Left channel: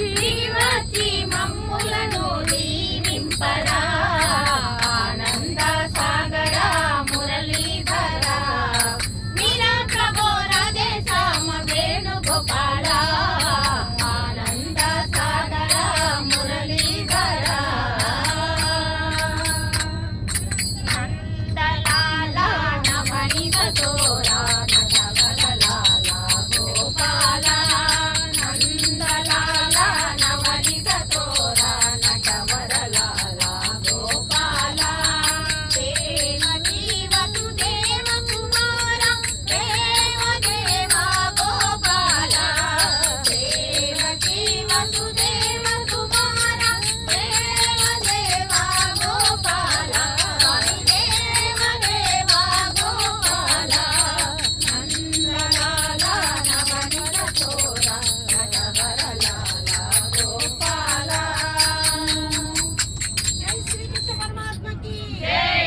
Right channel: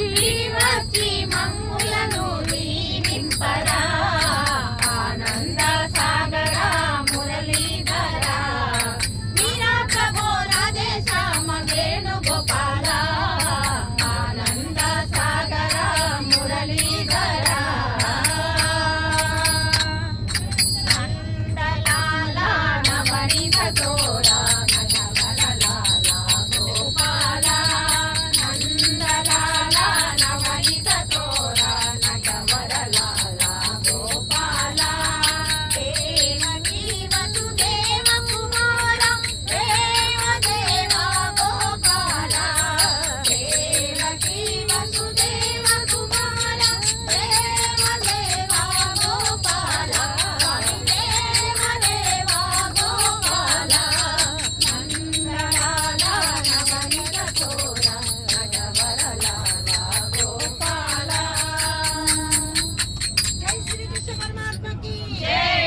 Yeah.